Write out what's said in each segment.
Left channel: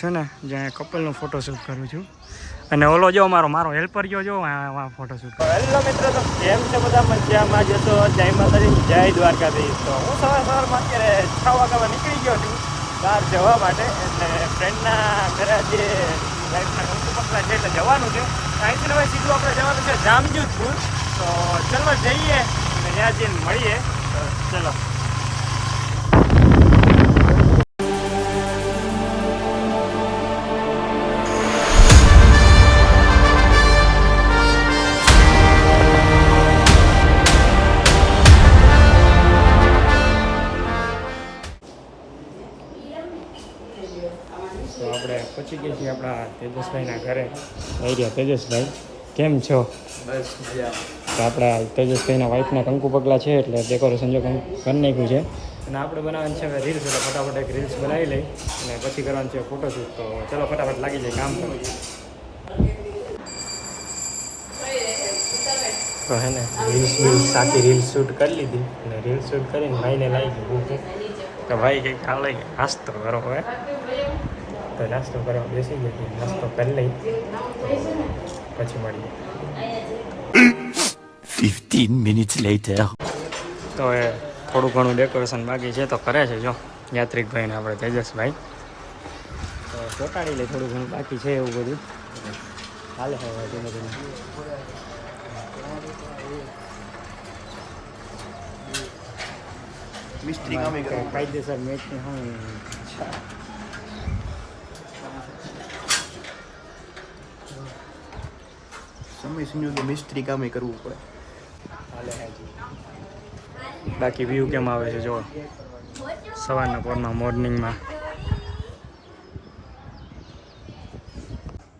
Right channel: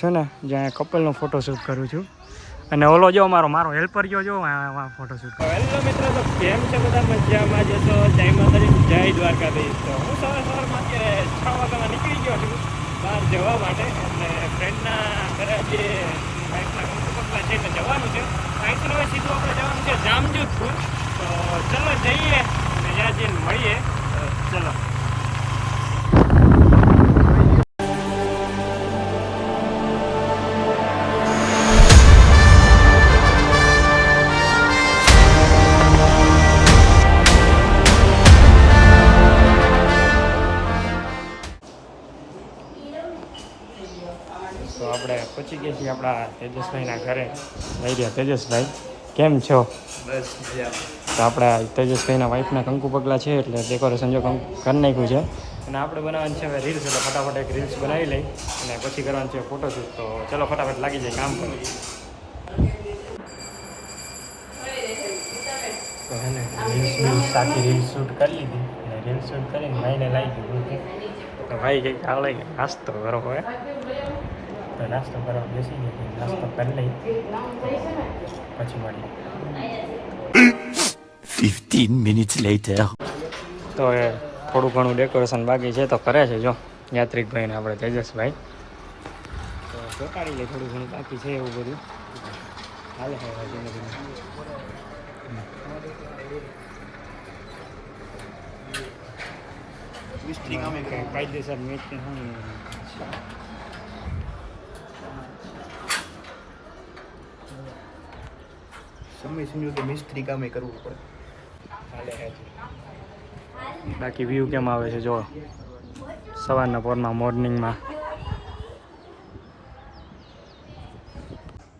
છું ને જ્યાં કપલનો ફોટોશૂટ કરું છું અને ઓલો જો મારો હેલ્પર જો ફોટોશૂટ. હેલો મિત્રો, તો કેમ છે બધા? મજામાં જશો? જય માતાજી, જય દ્વારકાધીશ. તો હું સવારમાં અત્યારે 6 વાગ્યામાં નીકળી ગયો છું બહાર જવા માટે. એટલે ફ્રેન્ડના ઘરે જે લાઈફના ઊંચું પકડા છે એટલે જવાનું છે. અહીંથી હવે સીધું આપણે જવાનું છે જામજોધપુર. તો ચલો જઈએ અને ત્યાં જઈને મળીએ. ચલો. તો આપણે પહોંચી ગયા છીએ આપણા તેજસભાઈના ઘરે. આવી રહ્યા તેજસભાઈ, કેમ છો? બસ મજા. તો આપણા તેજસભાઈના વાઈફના કંકુ પગલા છે એટલે ડેકોરેશન જો કરી નાખ્યું છે અને આપણે બનાવવાનું છે હવે રીલ્સ. એટલે ફટાફટ એક રીલ્સ બનાવી લઈ અને પછી કરવાનું છે ફોટોશૂટ. તો ચલો ફટાફટ લાગી જાય કામ પર. તો હે ને રીલ્સ આખી રીલ્સ શૂટ કરી લીધી અને રીલ્સ શૂટ કરીને ભાઈને લાવી દીધી. તો ભાઈ કંઈક હાલે નાસ્તો કરો હવે. તો નાસ્તો કરવા બેસી ગયા, નાસ્તો કરી લઈ પછી મળીએ. 15 minutes later. તો એ થોડું ઘણું ડેકોરેશન બાકી છે તો કરે છે જો યાત્રિકભાઈને આપણે તેજસભાઈ. તો ચોટાડી લઈ, થોડું ઘણું બાકી છે એવું બધું હાલે હવે ધીમે ધીમે. કાયદેસર મેચ ને હું સમય સમય તો મિસ્ત્રી કામે કરવું પડે. હાલે હાજી. બાકી વ્યૂ કેમ આવે છે જો સવારના પોરમાં મોર્નિંગમાં.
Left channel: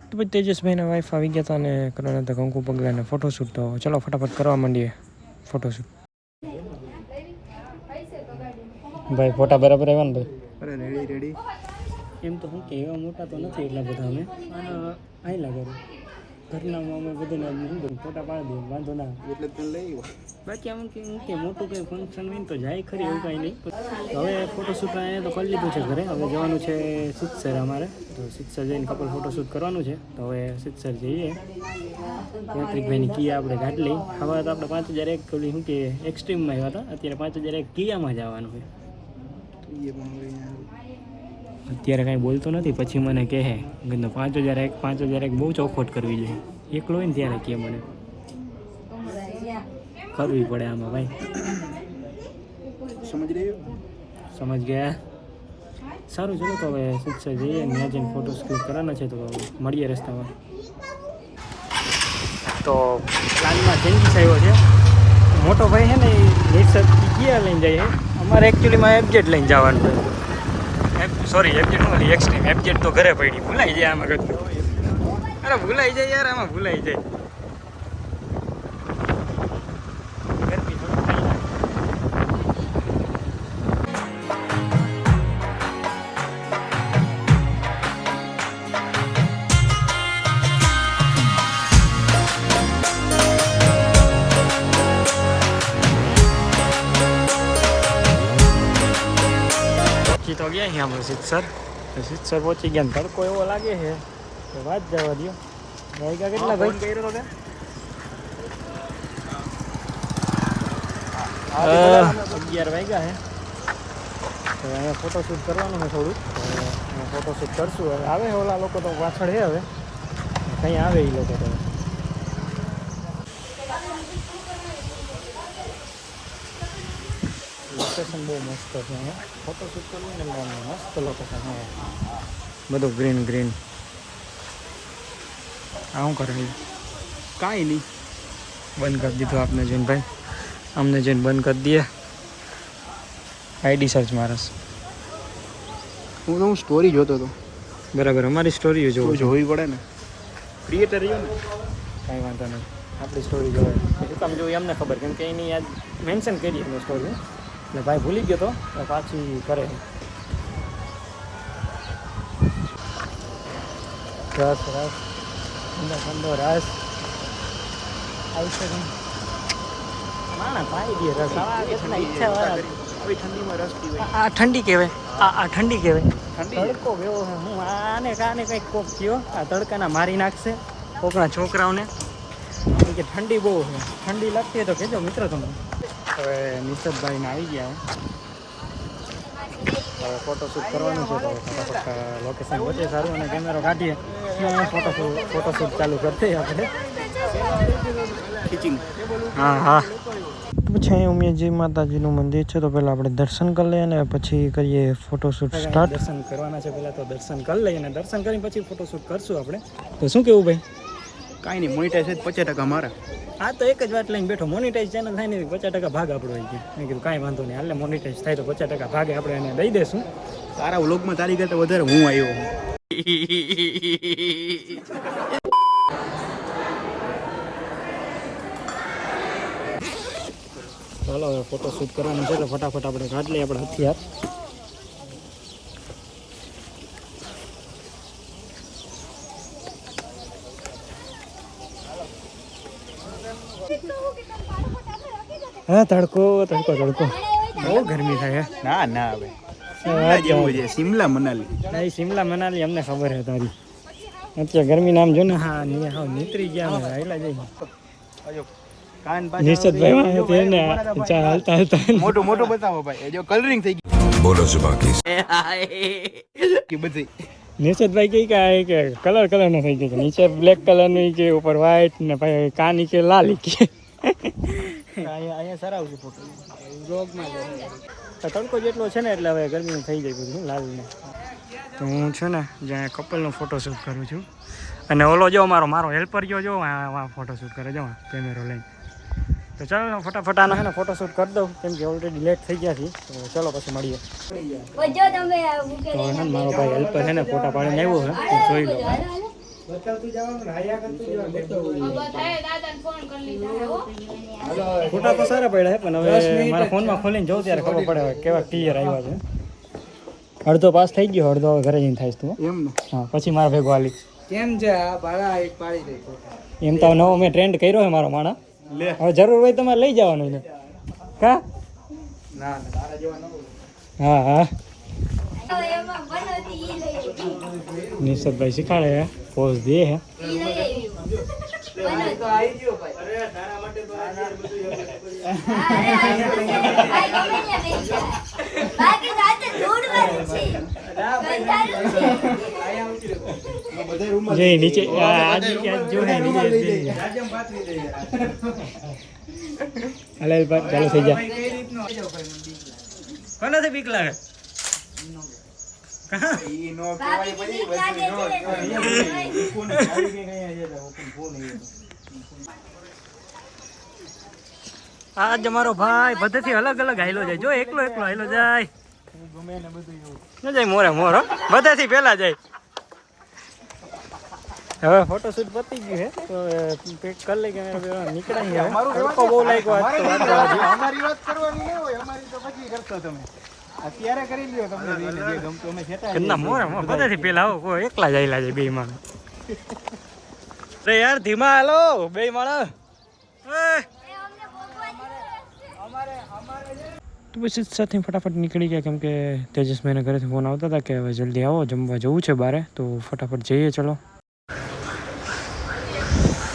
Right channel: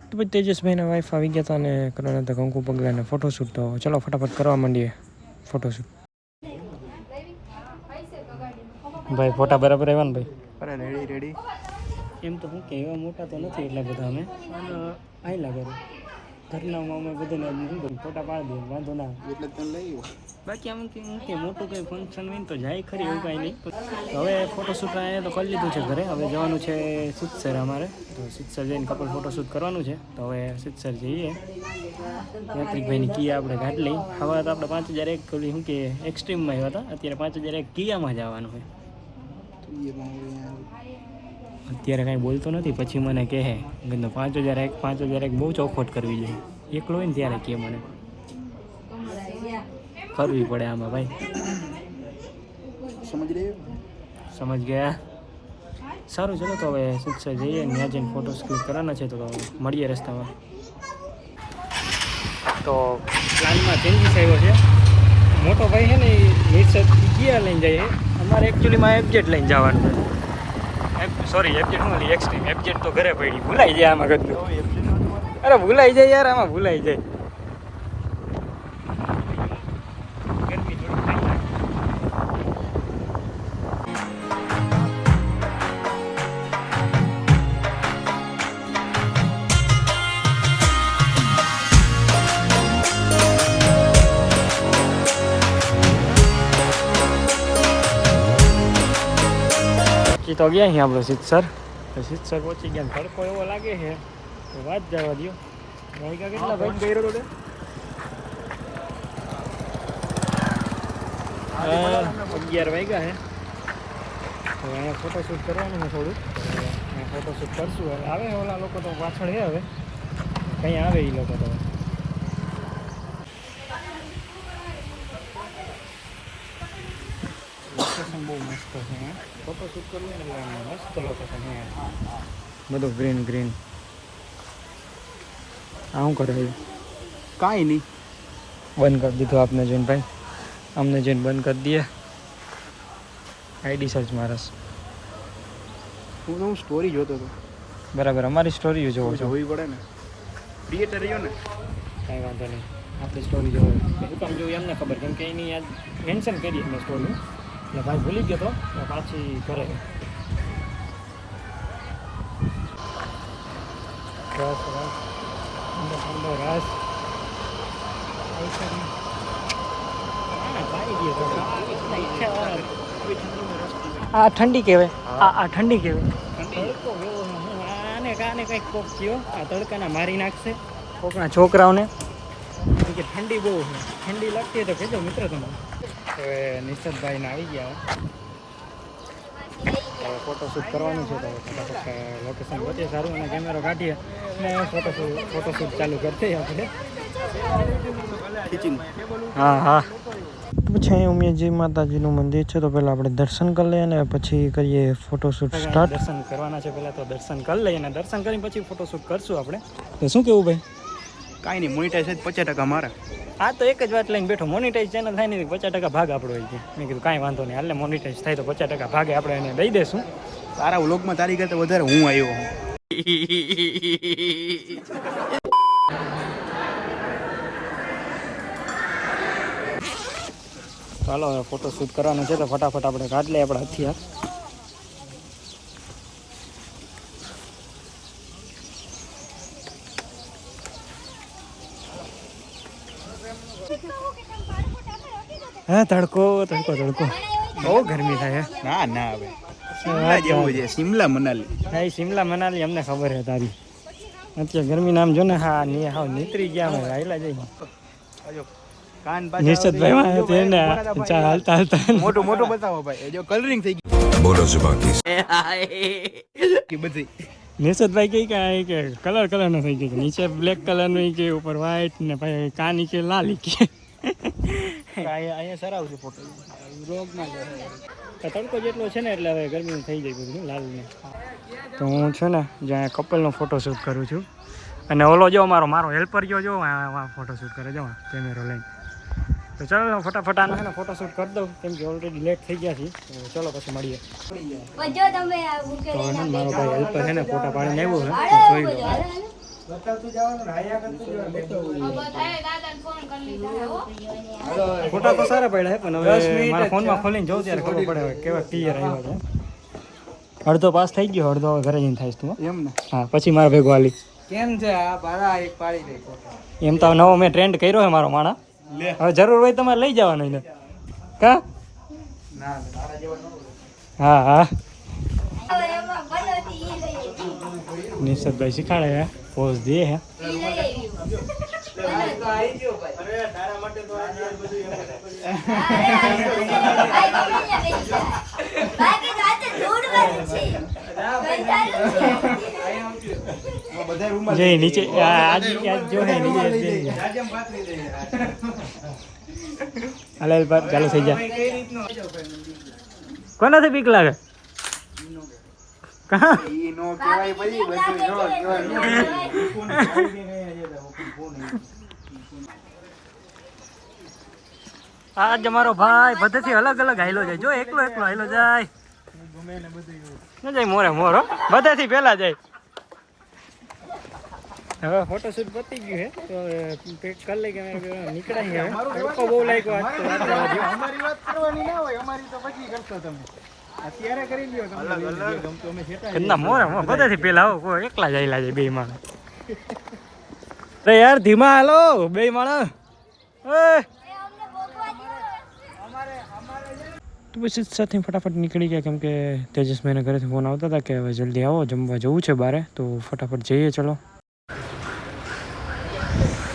તો પછી તેજસભાઈના વાઈફ આવી ગયા હતા અને કરવાના હતા કંકુ પગલાને ફોટોશૂટ. તો ચલો ફટાફટ કરવા માંડીએ ફોટોશૂટ. ભાઈ ફોટા બરાબર આવ્યા ને ભાઈ? અરે રેડી રેડી. એમ તો હું કે એવા મોટા તો નથી એટલા બધા અમે આયલા કરું ઘરનામાં અમે બધાને શું કરું ફોટા પાડી દઈએ, વાંધો ના. એટલે તને લઈ બાકી આમ કે મોટું કંઈ ફંક્શન હોય ને તો જાય ખરી, એવું કાંઈ નહીં. તો હવે ફોટોશૂટ અહીંયા તો કરી લીધું છે ઘરે. હવે જવાનું છે સિદ્ધસર અમારે. તો સિદ્ધસર જઈને કપલ ફોટોશૂટ કરવાનું છે. તો હવે સિદ્ધસર જઈએ. યાત્રિકભાઈની કિયા આપણે ગાંઠ લઈ. હવે તો આપણે 5001 ઓલી શું કે એક્સ્ટ્રીમમાં આવ્યા હતા, અત્યારે 5001 કિયામાં જવાનું હોય. અત્યારે કાંઈ બોલતો નથી, પછી મને કહે 5001 બહુ ચોખવટ કરવી જોઈએ. એકલો હોય ને ત્યારે કહે મને કરવી પડે આમાં ભાઈ. સમજ ગયા? સારું ચલો તો હવે સિદ્ધસર જઈએ ને ત્યાં જઈને ફોટોસ ક્લિક કરવાના છે. તો મળીએ રસ્તામાં. તો પ્લાનમાં ચેન્જીસ આવ્યો છે. મોટો ભાઈ છે ને એ નિર્સદ ગિયર લઈને જાય. અમારે એકચ્યુઅલીમાં એફજેડ લઈને જવાનું છે. સોરી એફજેડ શું ઓલી એક્સ્ટ્રીમ. એફજેડ તો ઘરે પડી, ભૂલાઈ જાય આમાં કરતું. અરે ભૂલાઈ જાય યાર, આમાં ભૂલાઈ જાય. ગરમી થોડી ખાઈ નાખે. તો ગયા છીએ આપણે સિદ્ધસર. સિદ્ધસર પહોંચી ગયા. તડકો એવો લાગે છે કે વાત જવા દો. વાગ્યા કેટલા ભાઈ? 11 વાગ્યા છે. તો અહીંયા ફોટોશૂટ કરવાનું છે થોડુંક. તો અહીંયા ફોટોશૂટ કરશું. હવે આવે ઓલા લોકો તો પાછળ છે. હવે કંઈ આવે એ લોકો તો લોકેશન બહુ મસ્ત છે અહીંયા. ફોટોશૂટ કરવું ને એટલે મસ્ત લોકેશન છે. બધું ગ્રીન ગ્રીન. આ શું કરે? કાંઈ નહીં, બંધ કરી દીધું આપને જોઈને ભાઈ. અમને જોઈને બંધ કરી દઈએ. આઈડી સર્ચ મારસ. હું સ્ટોરી જોતો હતો. બરાબર, અમારી સ્ટોરી જોવી પડે ને. ક્રિએટર રહ્યો ને, કાંઈ વાંધો નહીં. આપણી સ્ટોરી જોઈ કામ જોઈ અમને ખબર, કેમ કે એની આજ મેન્શન કરી અમે સ્ટોરી. એટલે ભાઈ ભૂલી ગયો તો પાછી કરે. રસ રસ ઠંડો ઠંડો રસ આવી શકે માણા પાઈ દે રસ. કેટલા ઈચ્છાવાળા હવે ઠંડીમાં રસ પીવે. આ ઠંડી કહેવાય. આ ઠંડી કહેવાય. ઠંડી તડકો કેવો છે. હું આને કાને કંઈક કોક થયો આ તડકાના મારી નાખશે કોકના છોકરાઓને. કેમ કે ઠંડી બહુ છે. ઠંડી લાગતી હોય તો કહેજો મિત્રો તમને. હવે નિશદભાઈને આવી ગયા હવે ફોટોશૂટ કરવાનું છે તો ફટાફટ લોકેશન વધે સારું અને કેમેરો કાઢીએ અને ફોટોશૂટ ચાલુ કરતી આપણે. હા હા. પછી અહીં ઉમિયાજી માતાજીનું મંદિર છે તો પહેલાં આપણે દર્શન કરી લઈએ અને પછી કરીએ ફોટોશૂટ સ્ટાર્ટ. દર્શન કરવાના છે પહેલાં તો દર્શન કરી લઈએ અને દર્શન કરીને પછી ફોટોશૂટ કરશું આપણે. તો શું કેવું ભાઈ? કાંઈ નહીં, મોનિટાઈઝ 50% મારા. હા તો એક જ વાત લઈને બેઠો, મોનિટાઈઝ ચેનલ થાય ને 50% ભાગ આપણો હોય છે. મેં કીધું કાંઈ વાંધો નહીં, હાલે મોનિટાઈઝ થાય તો 50% ભાગે આપણે એને દઈ દઈશું. તારા વ્લોગમાં તારી કરતાં વધારે હું આવ્યો. ચાલો હવે ફોટોશૂટ કરવાનું છે તો ફટાફટ આપણે કાઢી લઈએ આપણા હથિયાર. હા તડકો તડકો તડકો બહુ ગરમી થાય. ના ના હવે શિમલા જેવું છે, શિમલા મનાલી. એ શિમલા મનાલી અમને ખબર છે તારી. અત્યારે ગરમી નામ જો ને. હા હાવ નીતરી ગયા અમે હાઈલા જઈ. નિશદભાઈ તેને હાલતા હાલતા મોટું મોટું બતાવો ભાઈ. એ જો કલરિંગ થઈ ગયું. બોલો છે બાકી બધી નિશદભાઈ કે કલર નો થઈ ગયો. નીચે બ્લેક કલરનું કે ઉપર વ્હાઈટ ને ભાઈ કાની કે લાલી કે અહીંયા સરાવ છે ફોટો વ્લોગમાં. તડકો જેટલો છે ને એટલે હવે ગરમી થઈ જાય બધું લાલ ને. તો હું છે ને જ્યાં કપલનો ફોટોશૂટ કરું છું અને ઓલો જો મારો હેલ્પર જો ફોટોશૂટ કરે જો કેમેરો લઈને. તો ચાલો ફટાફટ આનો છે ને ફોટોશૂટ કરી દઉં કેમ કે ઓલરેડી લેટ થઈ ગયા છે. તો ચાલો પછી મળીએ. તો છે મારો ભાઈ હેલ્પર છે ને ફોટા પાડીને આવ્યો છે, જોઈ લો. ફોટા તો સારા પડ્યા છે પણ હવે મારા ફોનમાં ખોલીને જોઉં ત્યારે ખબર પડે કેવા ક્લિયર આવ્યા છે. અડધો પાસ થઈ ગયો, અડધો હવે ઘરે જઈને થાય તું. એમ ને? હા પછી મારા ભેગો હાલી. કેમ છે આ બારા એક પાડી દે ફોટા. એમ તો નવો મેં ટ્રેન્ડ કર્યો છે મારો માણા. હવે જરૂર હોય તમારે લઈ જવાનો એને. કા ના ના તારા જેવા ન બોલો. હા હા. નિશદભાઈ શીખાડે હે, પોઝ દે હે. જે નીચે આજ જો હે નીચે હાલે ચાલુ થઈ જાય. કોનાથી બીક લાગે? કહા આજ અમારો ભાઈ બધેથી અલગ અલગ હાઈલો જાય. જો એકલો હાઈલો જાય ન જાય મોરે મોરો બધેથી પહેલા જાય. હવે ફોટોશૂટ પતી ગયું છે તો પેક કરી લઈ કે નીકળાય. હવે તડકો બહુ લાગ્યો આજ તો વાત જવા દો. અમારી વાત કરવાની ના હોય, અમારી તો પછી કરશો તમે. અત્યારે કરી લ્યો તમને જે ગમતું અમે સેટા. કન્ના મોરે બધેથી પહેલા આવો કોઈ એકલા જ આયલા જાય બે માણસ. અરે યાર ધીમા હાલો બે માણસ. તો પછી સાથે ફટાફટ નીકળી ગયા કેમ કે તેજસભાઈને ઘરેથી ફોન આવતા હતા કે હવે જલ્દી આવો જમવા જવું છે બારે. તો ફટાફટ જઈએ ચલો.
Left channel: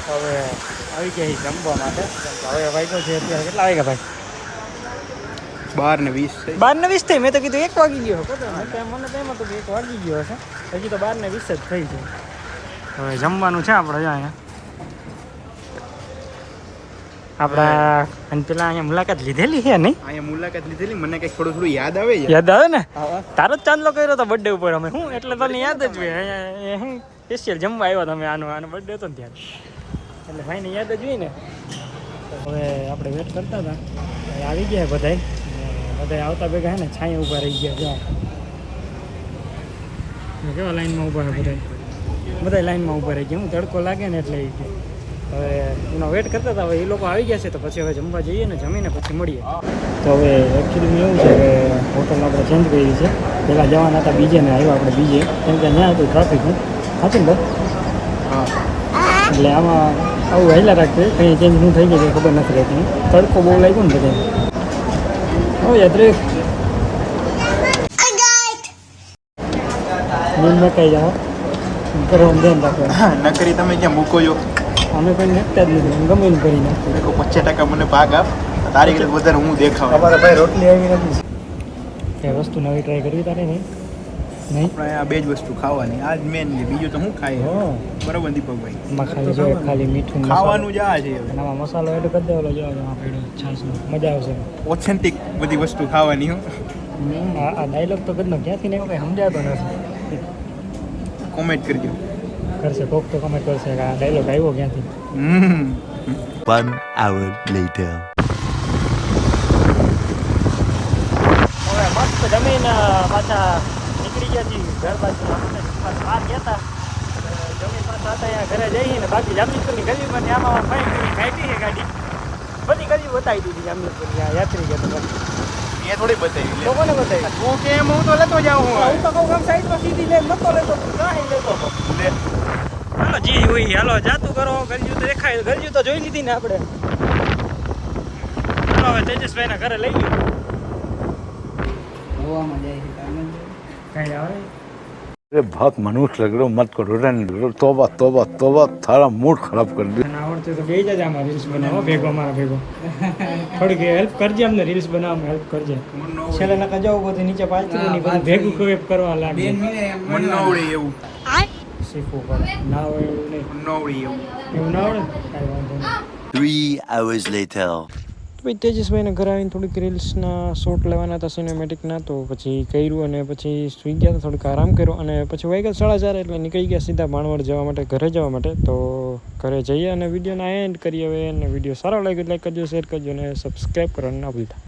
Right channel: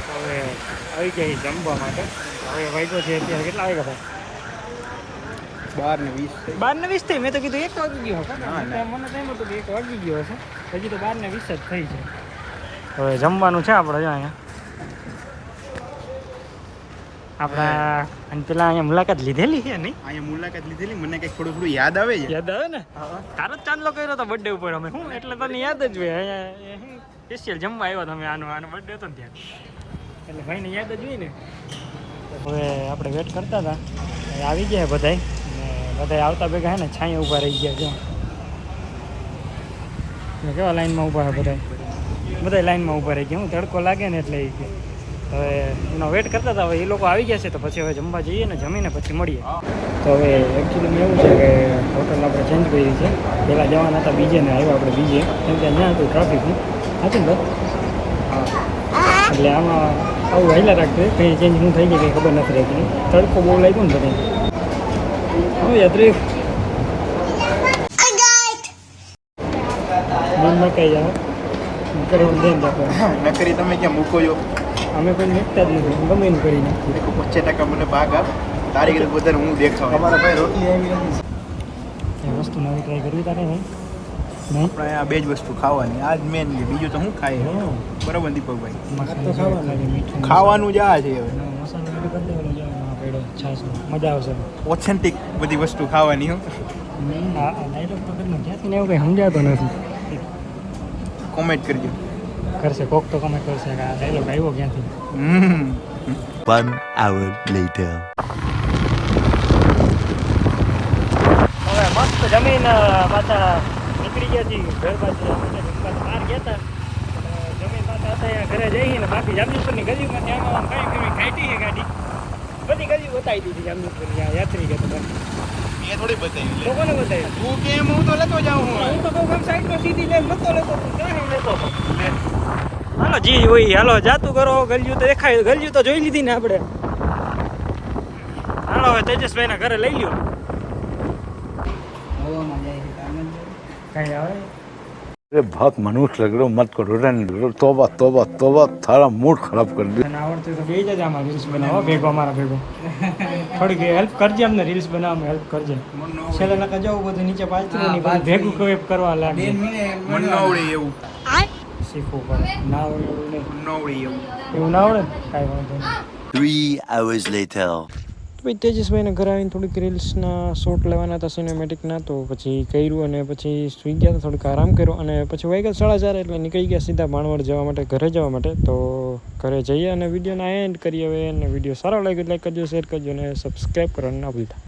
હવે આવી ગયા જમવા માટે. હવે વાગ્યો છે અત્યારે કેટલા વાગ્યા ભાઈ? 12:20. 12:20 થઈ. મેં તો કીધું 1 વાગી ગયો હતો. મને તો એમ હતું કે 1 વાગી ગયો હશે. હજી તો 12:20 જ થઈ છે. હવે જમવાનું છે આપણે જો અહીંયા આપણા અને પેલા અહીંયા મુલાકાત લીધેલી છે નહીં? અહીંયા મુલાકાત લીધેલી, મને કંઈક થોડું યાદ આવે છે. યાદ આવે ને? તારો જ ચાંદલો કર્યો હતો બર્થડે ઉપર અમે. હું એટલે તને યાદ જ હોય. અહીંયા હું સ્પેશિયલ જમવા આવ્યો તમે. આનો બર્થડે હતો ને ત્યારે એટલે ભાઈને યાદ જ હોય ને. હવે આપણે વેટ કરતા હતા, આવી ગયા બધાય ને બધા આવતા ભેગા હે ને છાંયે ઊભા રહી ગયા. જો કેવા લાઈનમાં ઊભા છે બધા લાઈનમાં ઊભા રહી ગયા. હું તડકો લાગે ને એટલે હવે એનો વેટ કરતા હતા. હવે એ લોકો આવી ગયા છે તો પછી હવે જમવા જઈએ ને જમીને પછી મળીએ. તો હવે એકચ્યુઅલી એવું છે કે હોટલ આપણે ચેન્જ કરી છે. પહેલાં જવાના હતા બીજે ને આવ્યો આપણે બીજે કેમ કે ત્યાં હતું ટ્રાફિક સાચું ને. એટલે આમાં આવું વહેલા રાખતું કંઈ ચેન્જ શું થઈ ગયું કંઈ ખબર નથી રહેતી. તડકો બહુ લાગ્યો ને બધે Oh ya Tris. Mun કઈ જાવ કરવાનું ધ્યાન રાખવાનું. નકરી તમે ક્યાં મૂકો છો અમે કંઈ nekતા જ નથી. હું ગમે એમ કરી નાખું. 50% મને ભાગ આપ તારી કરતા વધારે હું દેખાવ ભાઈ રોટલી આવી નથી એ વસ્તુ નવી ટ્રાય કરવી તારે નહીં નહીં આપણે આ બે જ વસ્તુ ખાવાની આ જ મેન છે બીજું તો હું ખાય હા બરાબર દીપકભાઈ એમાં ખાલી મીઠું ખાવાનું જ આ છે હવે નવા મસાલો એડ કરી દેવાનો જો આ પેડો છાસનો મજા આવશે ઓથેન્ટિક બધી વસ્તુ ખાવાની હું આ ડાયલોગ તો કદનો ક્યાંથી ને આવ્યો સમજાતું નથી કોમેન્ટ કરજો કરશે કોક તો કમેન્ટ કરશે કે આ ડાયલોગ આવ્યો ક્યાંથી 1 hour later. હવે મસ્ત જમીન પાછા નીકળી ગયા છીએ ઘર બાજુ બહાર ગયા હતા જમીન પાછા હતા અહીંયા ઘરે જઈએ ને બાકી જામનગરની ગલીમાં ત્યાંમાં કઈ કેવી ખાઈતી છે ગાડી બધી ગલી બતાવી દીધી જામનગરની આ યાત્રી ગયા તો એ થોડી બતાવી તો કોને બતાવી તું કેમ હું તો લેતો જાઉં હું તો કહું આમ સાઈડમાં સીધી લે નતો લેતો તું કાંઈ લેતો હાલો જી હોય હાલો જાતું કરો ગરજ્યું તો દેખાય ગરજ્યું તો જોઈ લીધી ને આપણે હાલો હવે તેજસભાઈના ઘરે લઈ લ્યો કઈ આવે अरे बहुत मनुष्य लग रहे हो मत करो रन तोबा तोबा तोबा थारा मूड खराब कर दिया તને આવડતું તો બે જ આમાં રીલ્સ બનાવો ભેગો અમારા ભેગો થોડીક હેલ્પ કરજે અમને રીલ્સ બનાવવામાં હેલ્પ કરજે છેલ્લે નકા જવું બધું નીચે પાછું નહીં બધું ભેગું કોઈ કરવા લાગે મન ન આવડે એવું શીખવું પડે ના હોય એવું નહીં મન ન આવડે એવું એવું ના આવડે ને કાંઈ વાંધો નહીં 3 hours later. ભાઈ તેજસભાઈને ઘરે આવીને થોડીક રીલ્સના શોટ લેવાના હતા સિનેમેટિકના તો પછી કર્યું અને પછી સૂઈ ગયા હતા થોડીક આરામ કર્યો અને પછી વાગ્યા 4:30 એટલે નીકળી ગયા સીધા ભાણવડ જવા માટે ઘરે જવા માટે તો ઘરે જઈએ અને વિડીયોના એન્ડ કરીએ હવે અને વિડીયો સારો લાગ્યો લાઈક કરજો શેર કરજો અને સબસ્ક્રાઈબ કરવાનું ના ભૂલતા